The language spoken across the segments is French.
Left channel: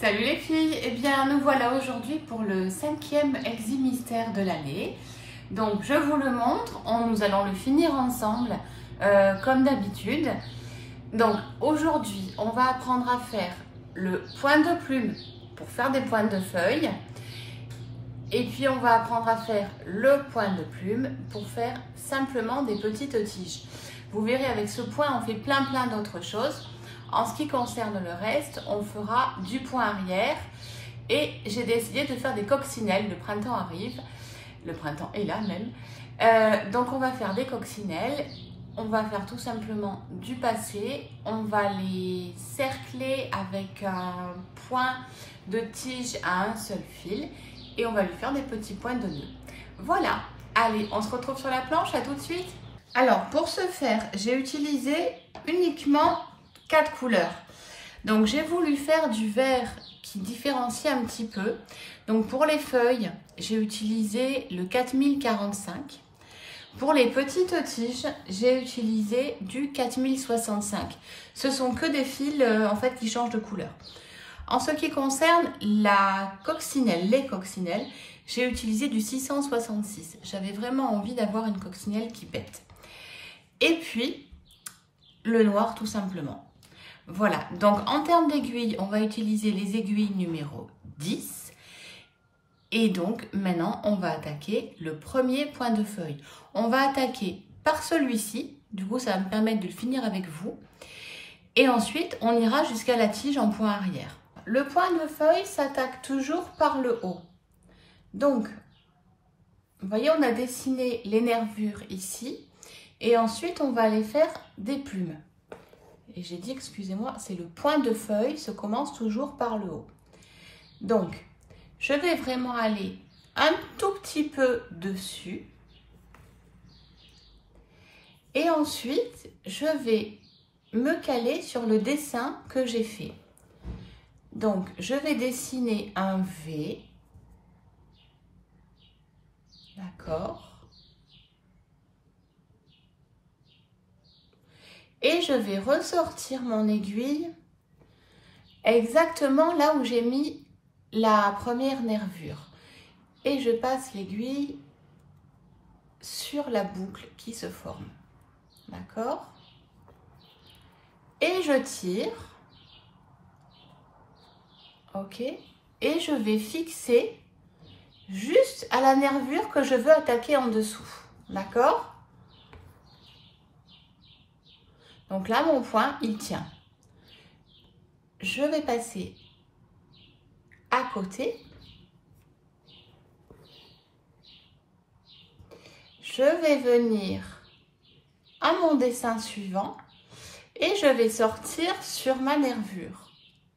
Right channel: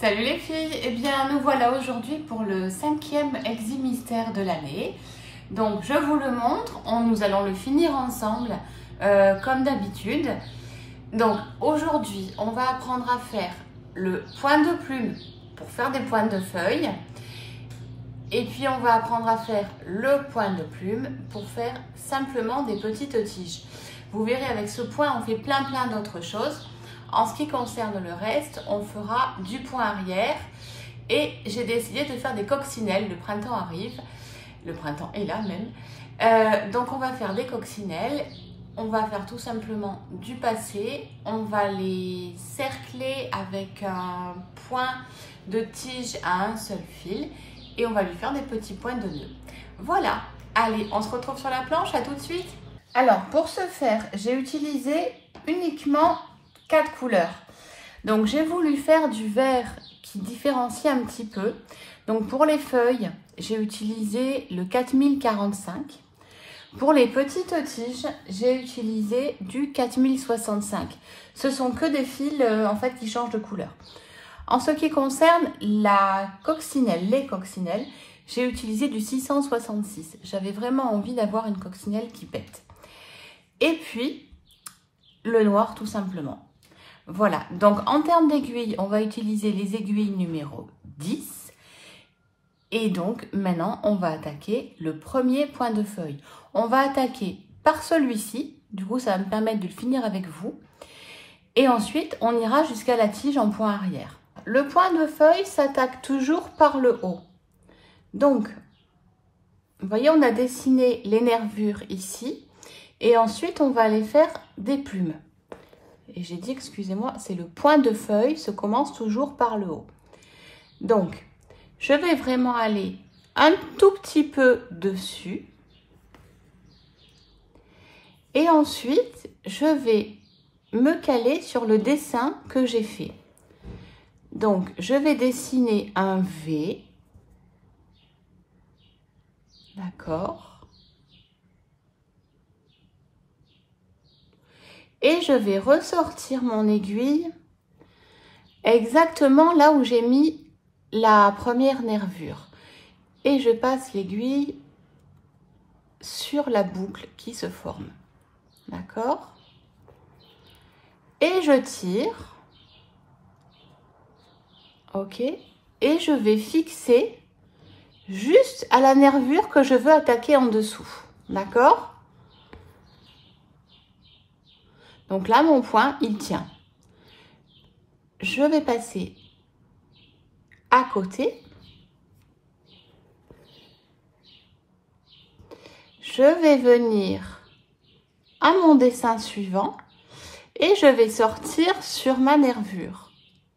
Salut les filles, eh bien nous voilà aujourd'hui pour le 5e Exi-Mystère de l'année. Donc je vous le montre, nous allons le finir ensemble comme d'habitude. Donc aujourd'hui on va apprendre à faire le point de plume pour faire des points de feuilles. Et puis on va apprendre à faire le point de plume pour faire simplement des petites tiges. Vous verrez avec ce point on fait plein d'autres choses. En ce qui concerne le reste, on fera du point arrière et j'ai décidé de faire des coccinelles. Le printemps arrive, le printemps est là même. Donc on va faire des coccinelles, on va faire tout simplement du passé, on va les cercler avec un point de tige à un seul fil et on va lui faire des petits points de nœud. Voilà, allez, on se retrouve sur la planche, à tout de suite. Alors pour ce faire, j'ai utilisé uniquement 4 couleurs. Donc j'ai voulu faire du vert qui différencie un petit peu. Donc pour les feuilles, j'ai utilisé le 4045. Pour les petites tiges, j'ai utilisé du 4065. Ce sont que des fils en fait qui changent de couleur. En ce qui concerne la coccinelle, les coccinelles, j'ai utilisé du 666. J'avais vraiment envie d'avoir une coccinelle qui pète. Et puis le noir tout simplement. Voilà, donc en termes d'aiguilles, on va utiliser les aiguilles numéro 10. Et donc maintenant, on va attaquer le premier point de feuille. On va attaquer par celui-ci, du coup ça va me permettre de finir avec vous. Et ensuite, on ira jusqu'à la tige en point arrière. Le point de feuille s'attaque toujours par le haut. Donc, vous voyez, on a dessiné les nervures ici. Et ensuite, on va aller faire des plumes. Et j'ai dit, excusez-moi, c'est le point de feuille, se commence toujours par le haut. Donc, je vais vraiment aller un tout petit peu dessus. Et ensuite, je vais me caler sur le dessin que j'ai fait. Donc, je vais dessiner un V. D'accord. Et je vais ressortir mon aiguille exactement là où j'ai mis la première nervure. Et je passe l'aiguille sur la boucle qui se forme. D'accord? Et je tire. Ok? Et je vais fixer juste à la nervure que je veux attaquer en dessous. D'accord? Donc là, mon point, il tient. Je vais passer à côté. Je vais venir à mon dessin suivant et je vais sortir sur ma nervure.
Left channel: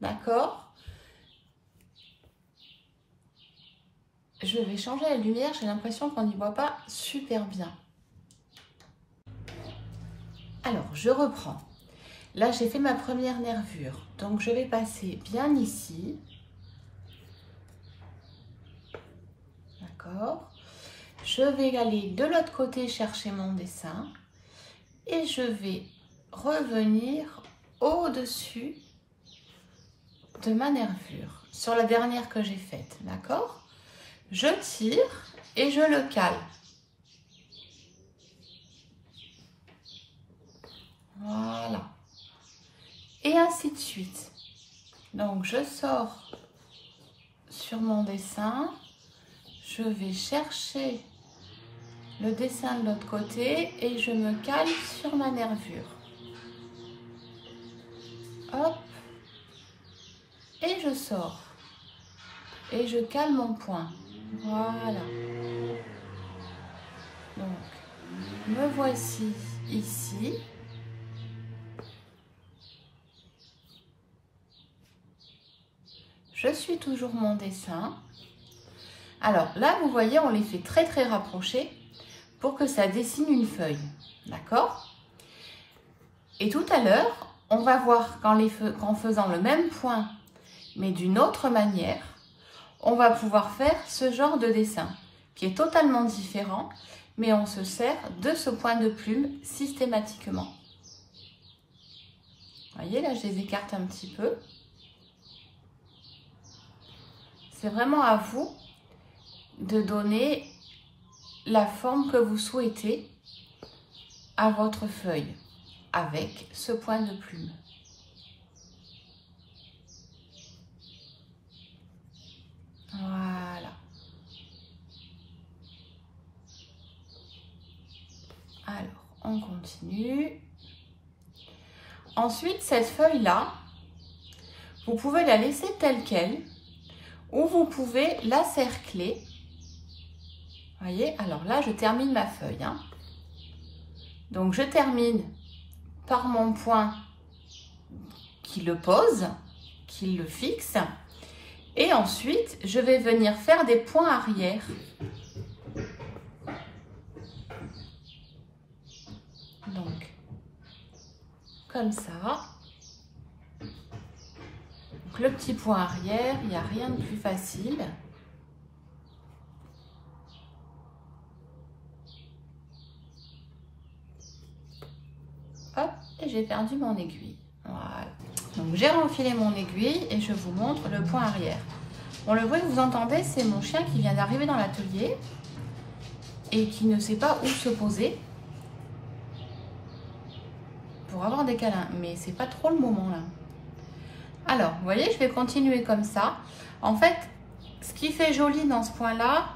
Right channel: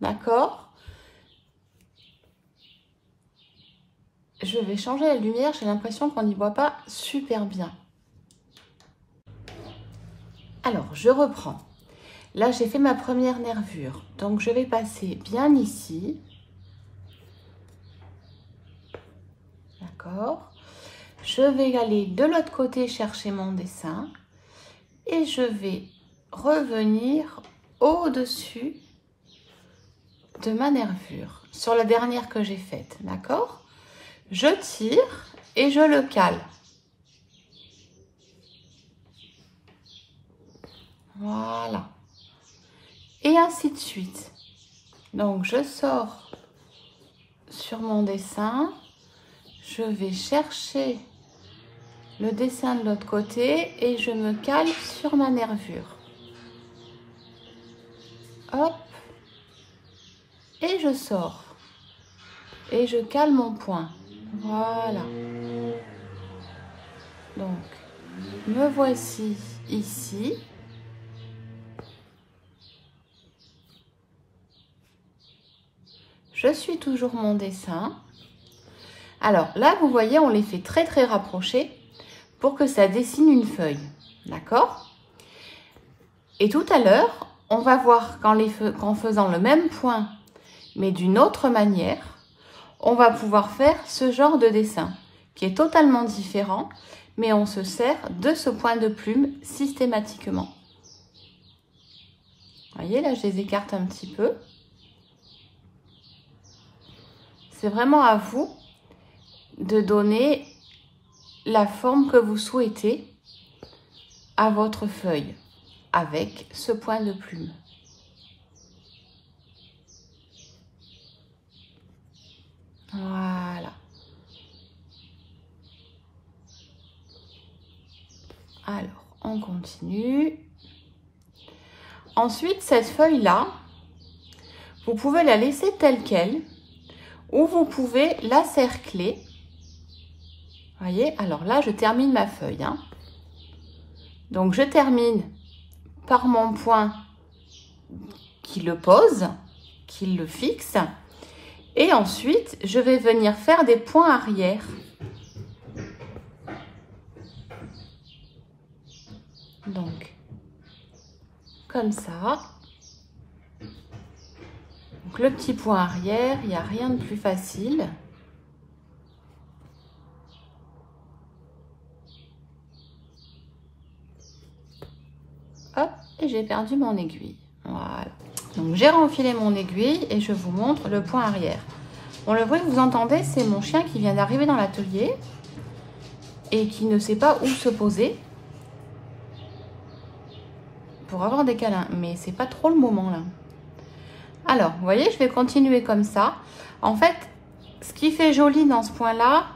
D'accord? Je vais changer la lumière, j'ai l'impression qu'on n'y voit pas super bien. Alors, je reprends. Là, j'ai fait ma première nervure. Donc, je vais passer bien ici. D'accord. Je vais aller de l'autre côté chercher mon dessin. Et je vais revenir au-dessus de ma nervure. Sur la dernière que j'ai faite. D'accord. Je tire et je le cale. Voilà. Et ainsi de suite. Donc, je sors sur mon dessin. Je vais chercher le dessin de l'autre côté et je me cale sur ma nervure. Hop. Et je sors. Et je cale mon point. Voilà. Donc, me voici ici. Je suis toujours mon dessin. Alors là, vous voyez, on les fait très rapprochés pour que ça dessine une feuille. D'accord? Et tout à l'heure, on va voir qu'en faisant le même point, mais d'une autre manière, on va pouvoir faire ce genre de dessin qui est totalement différent, mais on se sert de ce point de plume systématiquement. Vous voyez, là, je les écarte un petit peu. C'est vraiment à vous de donner la forme que vous souhaitez à votre feuille avec ce point de plume. Voilà. Alors, on continue. Ensuite, cette feuille-là, vous pouvez la laisser telle qu'elle ou vous pouvez la cercler. Voyez, alors là, je termine ma feuille. Hein. Donc, je termine par mon point qui le pose, qui le fixe. Et ensuite, je vais venir faire des points arrière. Donc, comme ça. Donc, le petit point arrière, il n'y a rien de plus facile. Hop, et j'ai perdu mon aiguille. Voilà. Donc, j'ai renfilé mon aiguille et je vous montre le point arrière. Bon, le bruit que vous entendez, c'est mon chien qui vient d'arriver dans l'atelier et qui ne sait pas où se poser pour avoir des câlins. Mais c'est pas trop le moment là. Alors, vous voyez, je vais continuer comme ça. En fait, ce qui fait joli dans ce point-là,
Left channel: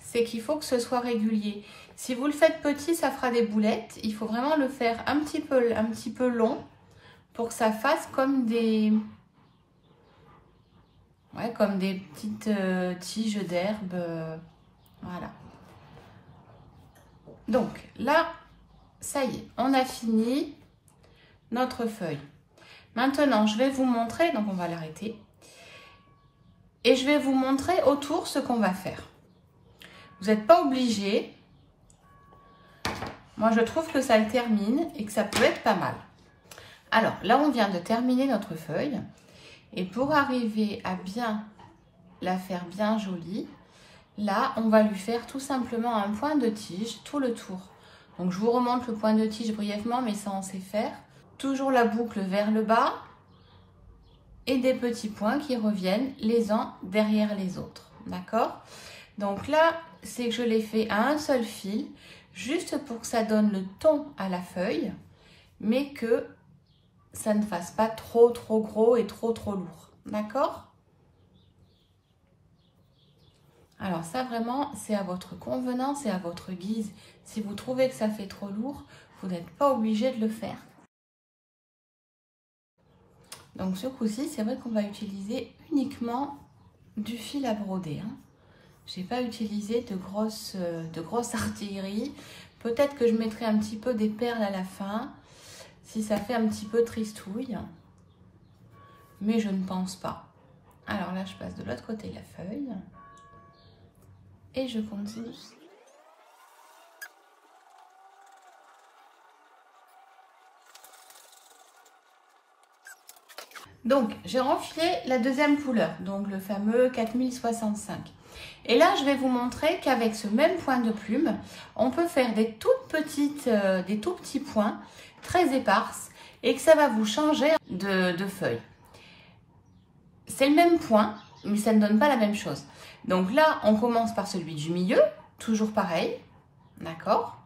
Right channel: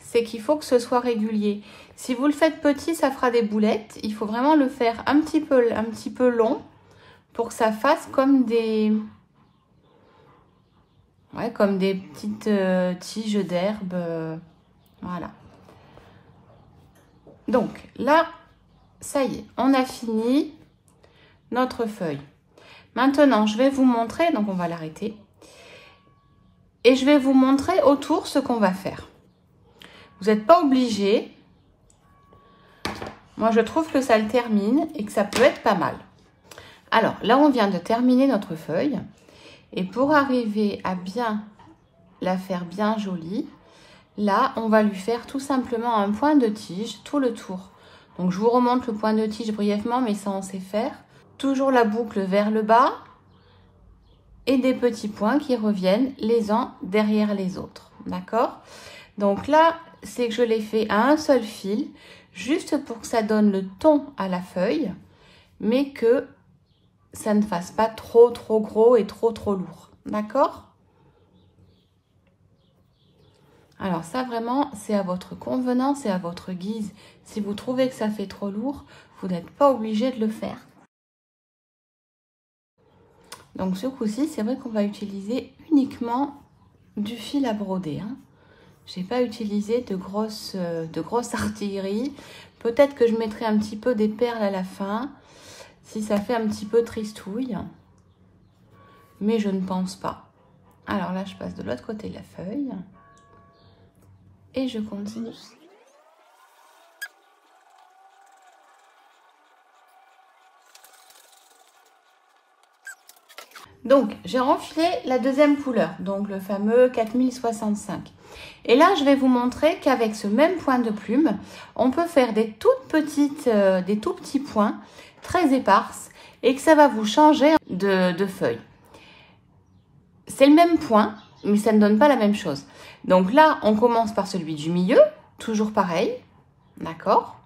c'est qu'il faut que ce soit régulier. Si vous le faites petit, ça fera des boulettes. Il faut vraiment le faire un petit peu long pour que ça fasse comme des, comme des petites tiges d'herbe. Voilà. Donc là, ça y est, on a fini notre feuille. Maintenant, je vais vous montrer, donc on va l'arrêter. Et je vais vous montrer autour ce qu'on va faire. Vous n'êtes pas obligé. Moi, je trouve que ça le termine et que ça peut être pas mal. Alors, là, on vient de terminer notre feuille. Et pour arriver à bien la faire bien jolie, là, on va lui faire tout simplement un point de tige tout le tour. Donc, je vous remonte le point de tige brièvement, mais ça, on sait faire. Toujours la boucle vers le bas et des petits points qui reviennent les uns derrière les autres. D'accord? Donc là, c'est que je l'ai fait à un seul fil, juste pour que ça donne le ton à la feuille, mais que ça ne fasse pas trop gros et trop lourd. D'accord? Alors ça, vraiment, c'est à votre convenance et à votre guise. Si vous trouvez que ça fait trop lourd, vous n'êtes pas obligé de le faire. Donc ce coup-ci, c'est vrai qu'on va utiliser uniquement du fil à broder. Hein. Je n'ai pas utilisé de grosses artilleries. Peut-être que je mettrai un petit peu des perles à la fin, si ça fait un petit peu tristouille. Mais je ne pense pas. Alors là, je passe de l'autre côté de la feuille. Et je continue. Donc, j'ai renfilé la deuxième couleur, donc le fameux 4065. Et là, je vais vous montrer qu'avec ce même point de plume, on peut faire des tout petits points très éparses et que ça va vous changer de feuille. C'est le même point, mais ça ne donne pas la même chose. Donc là, on commence par celui du milieu, toujours pareil, d'accord?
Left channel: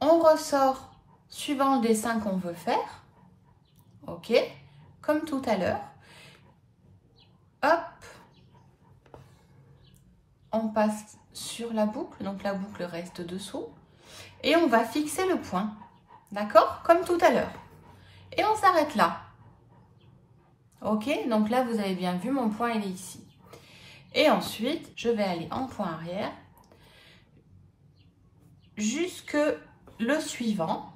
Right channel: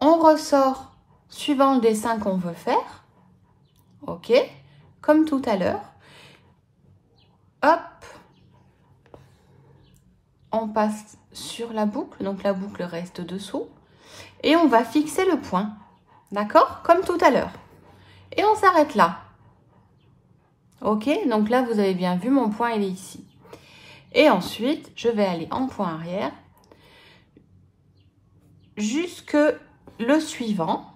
On ressort suivant le dessin qu'on veut faire. Ok, comme tout à l'heure. Hop, on passe sur la boucle, donc la boucle reste dessous. Et on va fixer le point, d'accord? Comme tout à l'heure. Et on s'arrête là. Ok, donc là, vous avez bien vu, mon point, il est ici. Et ensuite, je vais aller en point arrière jusque le suivant.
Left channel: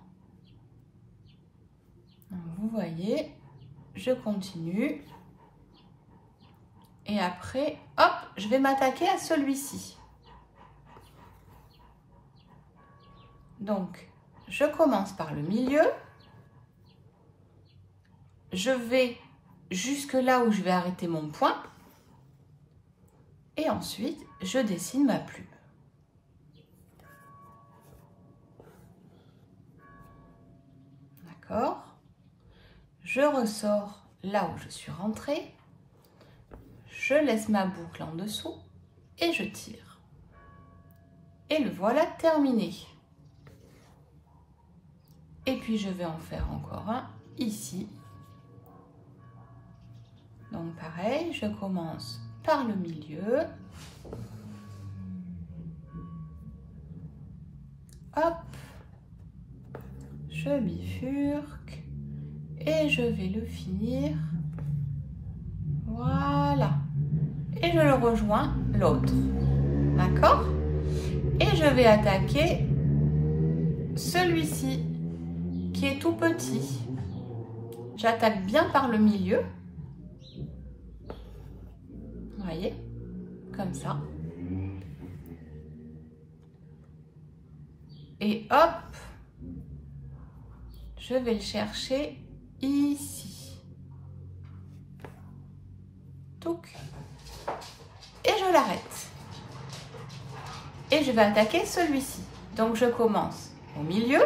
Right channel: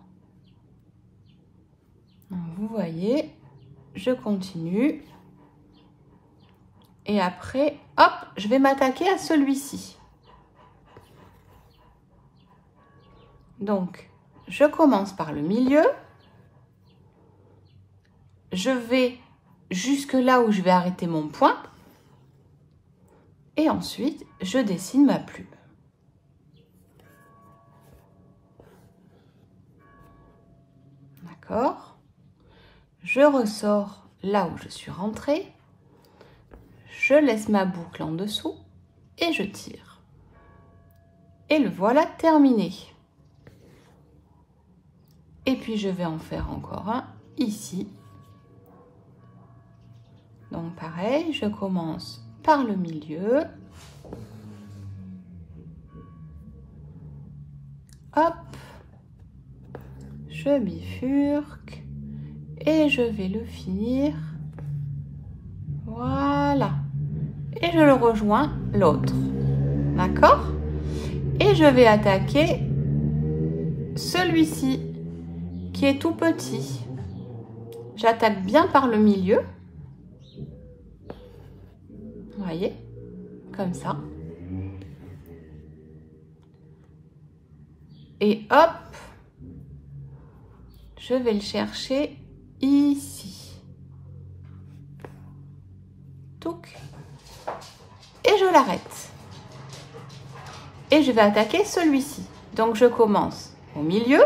Donc, vous voyez, je continue. Et après, hop, je vais m'attaquer à celui-ci. Donc, je commence par le milieu. Je vais jusque là où je vais arrêter mon point. Et ensuite, je dessine ma plume. D'accord? Je ressors là où je suis rentrée, je laisse ma boucle en dessous et je tire. Et le voilà terminé. Et puis je vais en faire encore un ici. Donc pareil, je commence par le milieu. Hop, je bifurque et je vais le finir. Voilà. Et je le rejoins l'autre. D'accord? Et je vais attaquer celui-ci qui est tout petit. J'attaque bien par le milieu. Vous voyez? Comme ça. Et hop, je vais le chercher ici. Touc. Et je l'arrête. Et je vais attaquer celui-ci. Donc je commence au milieu.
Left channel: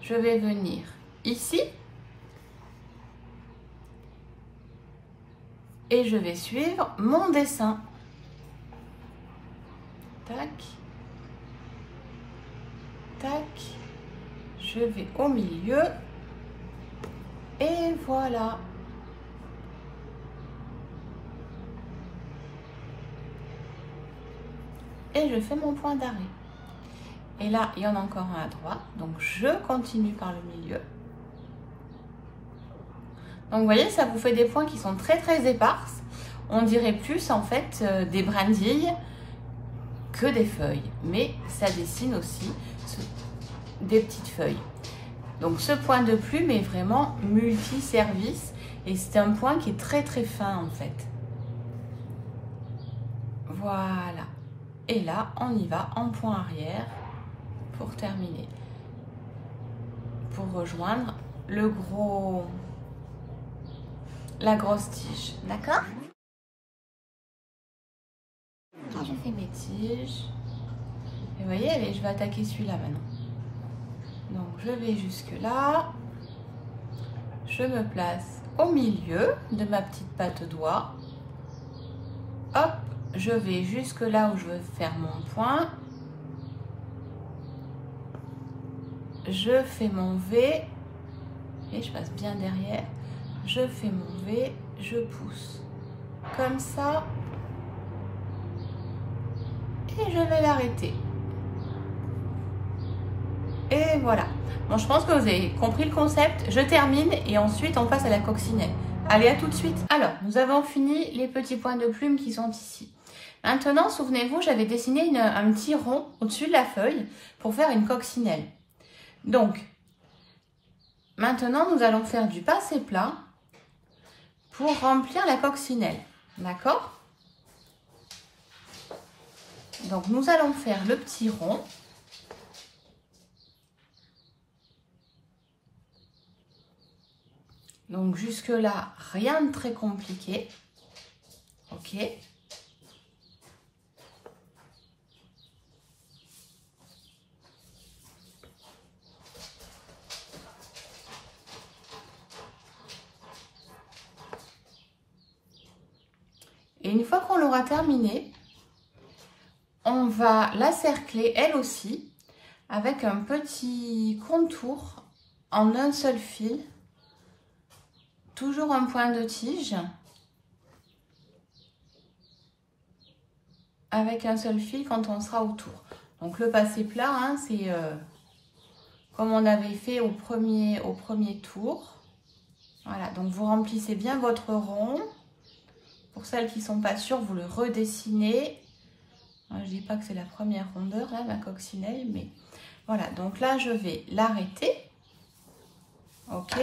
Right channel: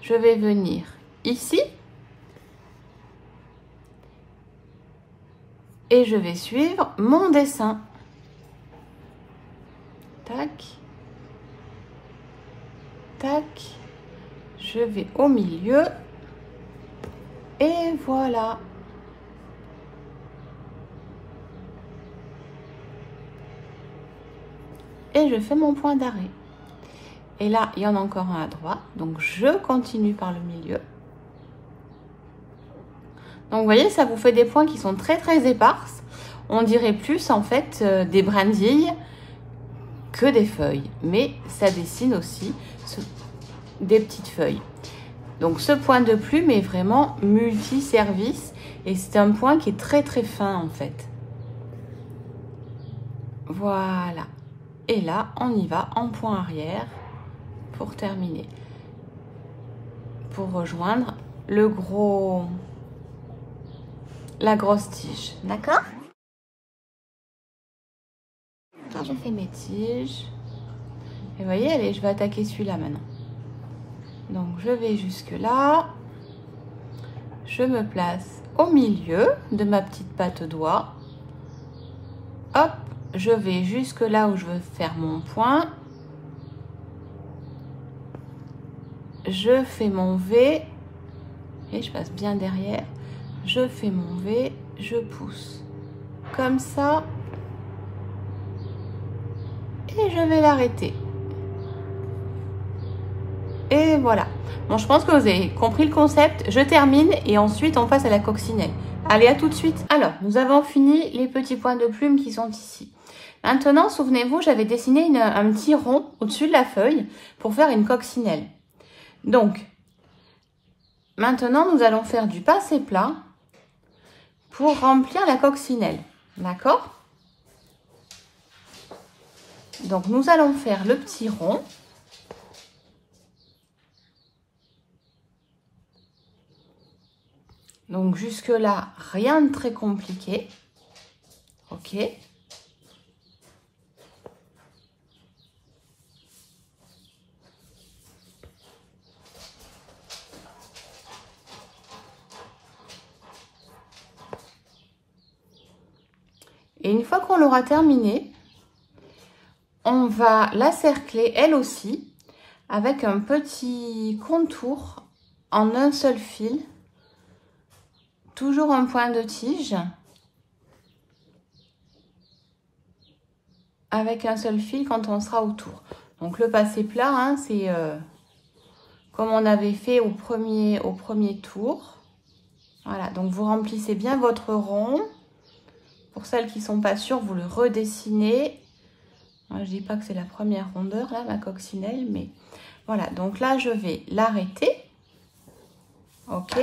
Je vais venir ici. Et je vais suivre mon dessin. Tac. Tac. Je vais au milieu. Et voilà. Et je fais mon point d'arrêt. Et là, il y en a encore un à droite. Donc, je continue par le milieu. Donc, vous voyez, ça vous fait des points qui sont très, très éparses. On dirait plus, en fait, des brindilles que des feuilles. Mais ça dessine aussi des petites feuilles. Donc, ce point de plume est vraiment multi-service. Et c'est un point qui est très, très fin, en fait. Voilà. Et là, on y va en point arrière pour terminer. Pour rejoindre la grosse tige. D'accord? Je fais mes tiges. Et vous voyez, allez, je vais attaquer celui-là maintenant. Donc, je vais jusque là. Je me place au milieu de ma petite patte doigt. Hop, je vais jusque là où je veux faire mon point. Je fais mon V. Et je passe bien derrière. Je fais mon V, je pousse. Comme ça. Et je vais l'arrêter. Et voilà. Bon, je pense que vous avez compris le concept. Je termine et ensuite on passe à la coccinelle. Allez, à tout de suite. Alors, nous avons fini les petits points de plume qui sont ici. Maintenant, souvenez-vous, j'avais dessiné un petit rond au-dessus de la feuille pour faire une coccinelle. Donc, maintenant, nous allons faire du passé plat pour remplir la coccinelle. D'accord? Donc, nous allons faire le petit rond. Donc, jusque-là, rien de très compliqué. OK. Et une fois qu'on l'aura terminé, on va la cercler elle aussi avec un petit contour en un seul fil. Toujours un point de tige avec un seul fil quand on sera autour. Donc le passé plat, hein, c'est comme on avait fait au premier tour. Voilà, donc vous remplissez bien votre rond. Pour celles qui ne sont pas sûres, vous le redessinez. Je ne dis pas que c'est la première rondeur, là, ma coccinelle, mais voilà. Donc là, je vais l'arrêter. OK.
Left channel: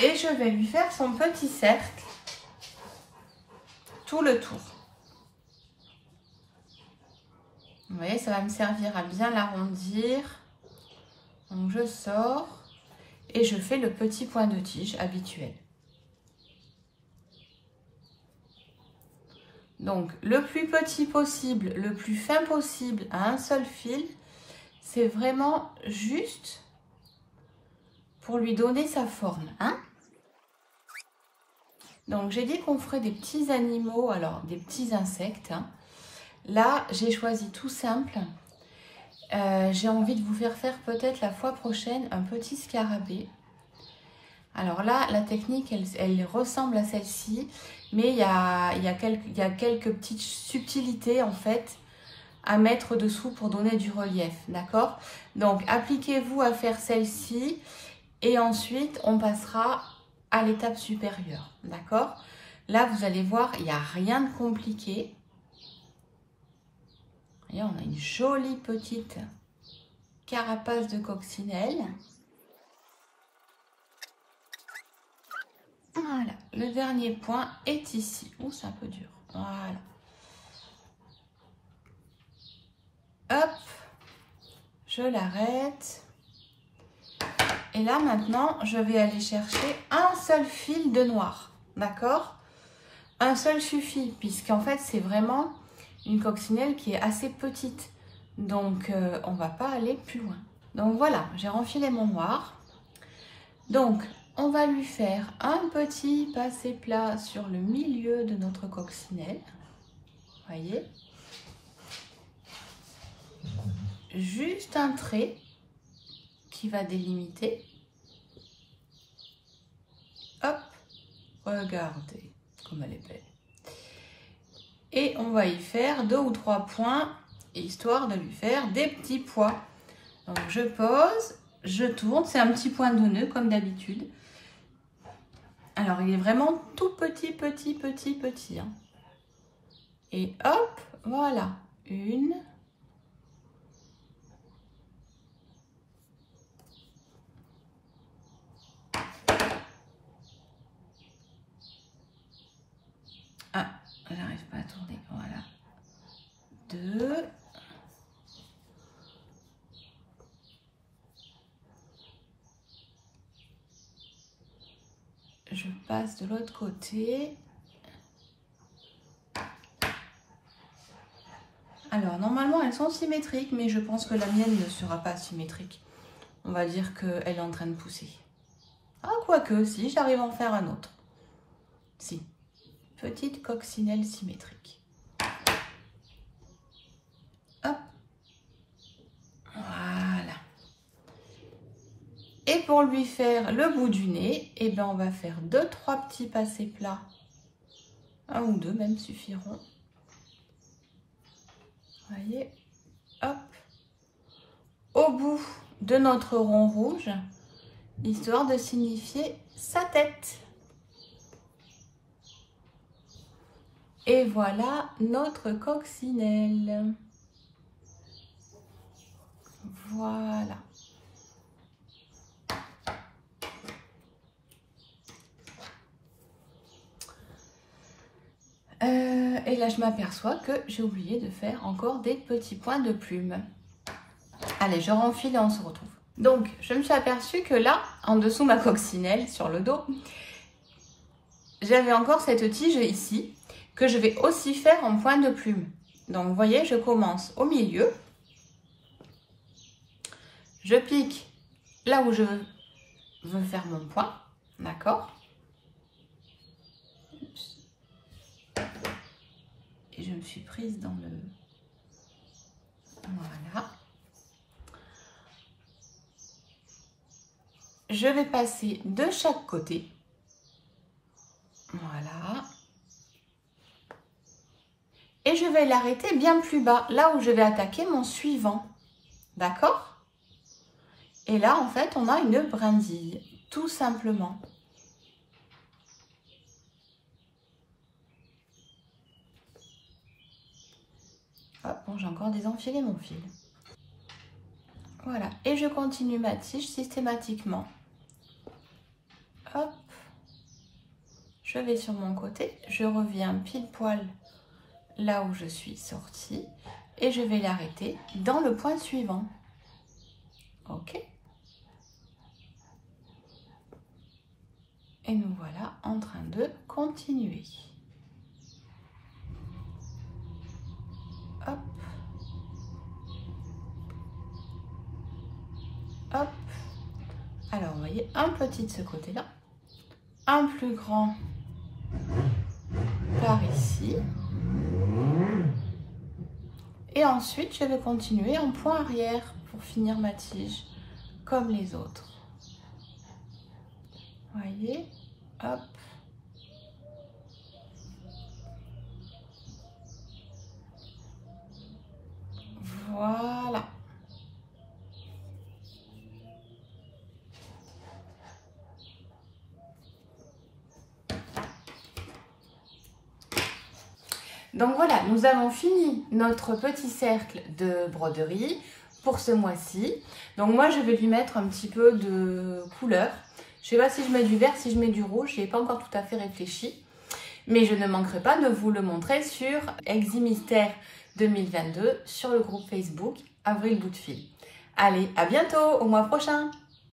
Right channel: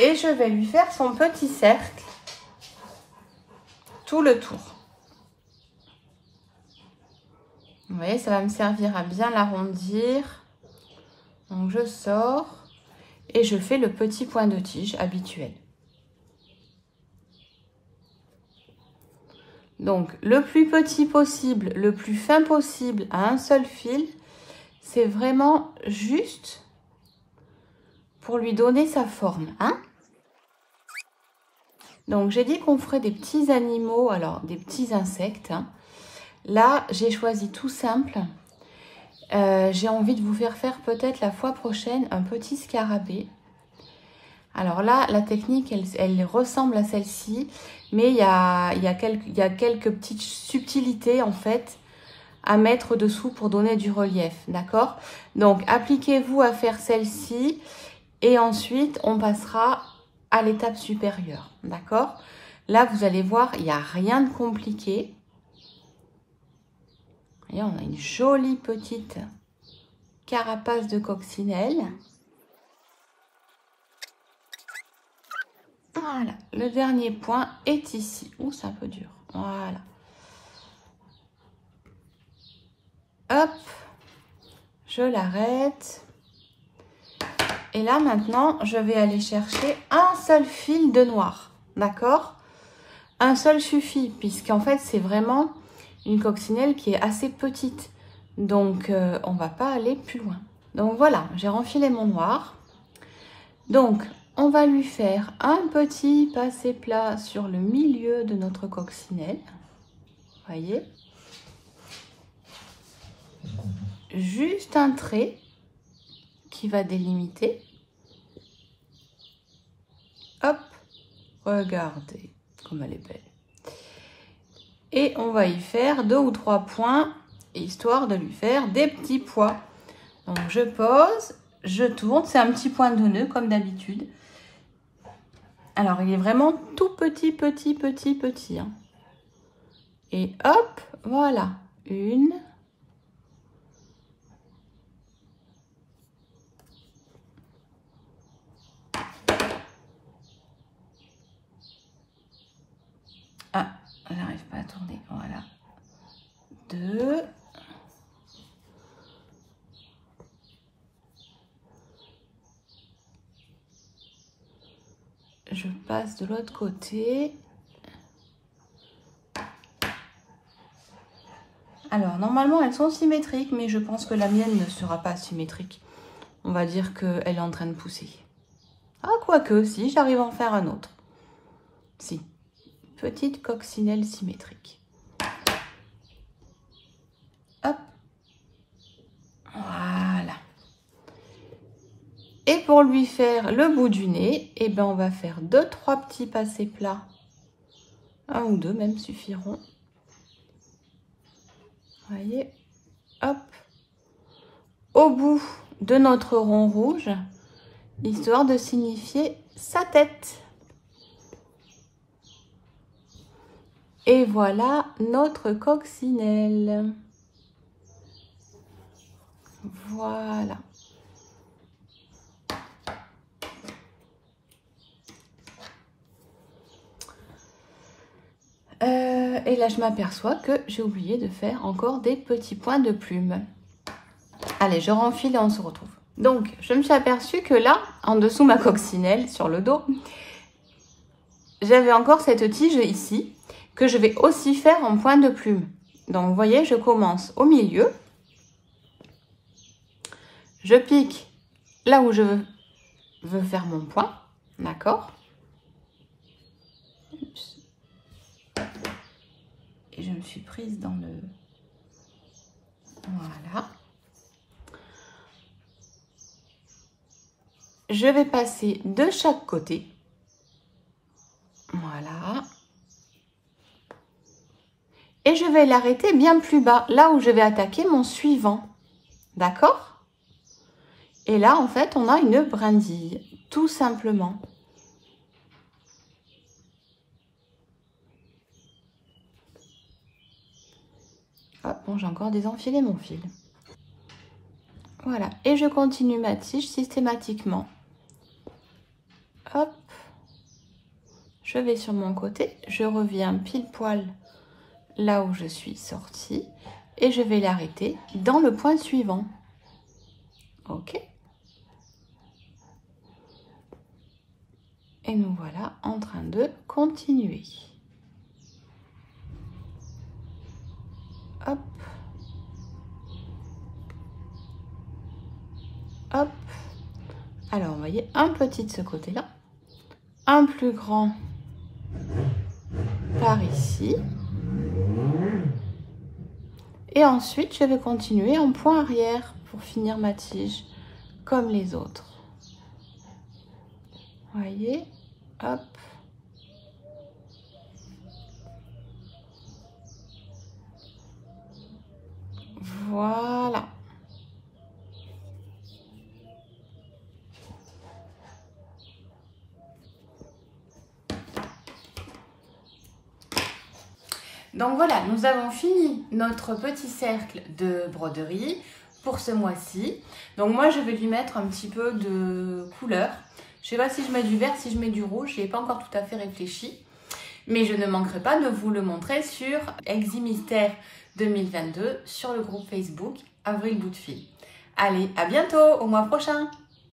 Et je vais lui faire son petit cercle tout le tour. Vous voyez, ça va me servir à bien l'arrondir. Donc je sors et je fais le petit point de tige habituel. Donc le plus petit possible, le plus fin possible à un seul fil, c'est vraiment juste pour lui donner sa forme, hein. Donc, j'ai dit qu'on ferait des petits animaux, alors des petits insectes, hein. Là, j'ai choisi tout simple. J'ai envie de vous faire peut-être la fois prochaine un petit scarabée. Alors là, la technique, elle ressemble à celle-ci, mais il y a quelques petites subtilités en fait à mettre dessous pour donner du relief, d'accord? Donc, appliquez-vous à faire celle-ci et ensuite, on passera à l'étape supérieure, d'accord? Là, vous allez voir, il n'y a rien de compliqué. Et on a une jolie petite carapace de coccinelle. Voilà, le dernier point est ici. Ouh, c'est un peu dur. Voilà. Hop, je l'arrête. Et là, maintenant, je vais aller chercher un seul fil de noir. D'accord? Un seul suffit, puisqu'en fait, c'est vraiment une coccinelle qui est assez petite. Donc, on ne va pas aller plus loin. Donc, voilà, j'ai renfilé mon noir. Donc, on va lui faire un petit passé plat sur le milieu de notre coccinelle. Voyez? Juste un trait qui va délimiter. Hop, regardez comme elle est belle. Et on va y faire 2 ou 3 points, histoire de lui faire des petits pois. Donc, je pose, je tourne. C'est un petit point de nœud comme d'habitude. Alors, il est vraiment tout petit, petit, petit, petit. Hein. Et hop, voilà. Une. Ah, je n'arrive pas à tourner. Voilà. 2. Je passe de l'autre côté. Alors, normalement, elles sont symétriques, mais je pense que la mienne ne sera pas symétrique. On va dire qu'elle est en train de pousser. Ah, quoique, si, j'arrive à en faire un autre. Si. Petite coccinelle symétrique. Hop. Voilà. Et pour lui faire le bout du nez, eh ben, on va faire 2-3 petits passés plats. 1 ou 2 même suffiront. Voyez, hop, au bout de notre rond rouge, histoire de signifier sa tête. Et voilà notre coccinelle. Voilà. Et là, je m'aperçois que j'ai oublié de faire encore des petits points de plume. Allez, je renfile et on se retrouve. Donc, je me suis aperçue que là, en dessous ma coccinelle, sur le dos, j'avais encore cette tige ici, que je vais aussi faire en point de plume. Donc, vous voyez, je commence au milieu. Je pique là où je veux faire mon point. D'accord? Et je me suis prise dans le... Voilà. Je vais passer de chaque côté. Voilà. Et je vais l'arrêter bien plus bas, là où je vais attaquer mon suivant. D'accord? Et là, en fait, on a une brindille, tout simplement. Ah, bon, j'ai encore désenfilé mon fil. Voilà, et je continue ma tige systématiquement. Hop, je vais sur mon côté, je reviens pile poil là où je suis sortie et je vais l'arrêter dans le point suivant. Ok. Et nous voilà en train de continuer. Hop. Hop. Alors, vous voyez, un petit de ce côté-là, un plus grand par ici. Et ensuite, je vais continuer en point arrière pour finir ma tige comme les autres. Vous voyez, hop. Voilà. Donc voilà, nous avons fini notre petit cercle de broderie pour ce mois-ci. Donc moi, je vais lui mettre un petit peu de couleur. Je ne sais pas si je mets du vert, si je mets du rouge, je n'ai pas encore tout à fait réfléchi. Mais je ne manquerai pas de vous le montrer sur Eximystère 2022 sur le groupe Facebook Avril Bout de Fil. Allez, à bientôt, au mois prochain!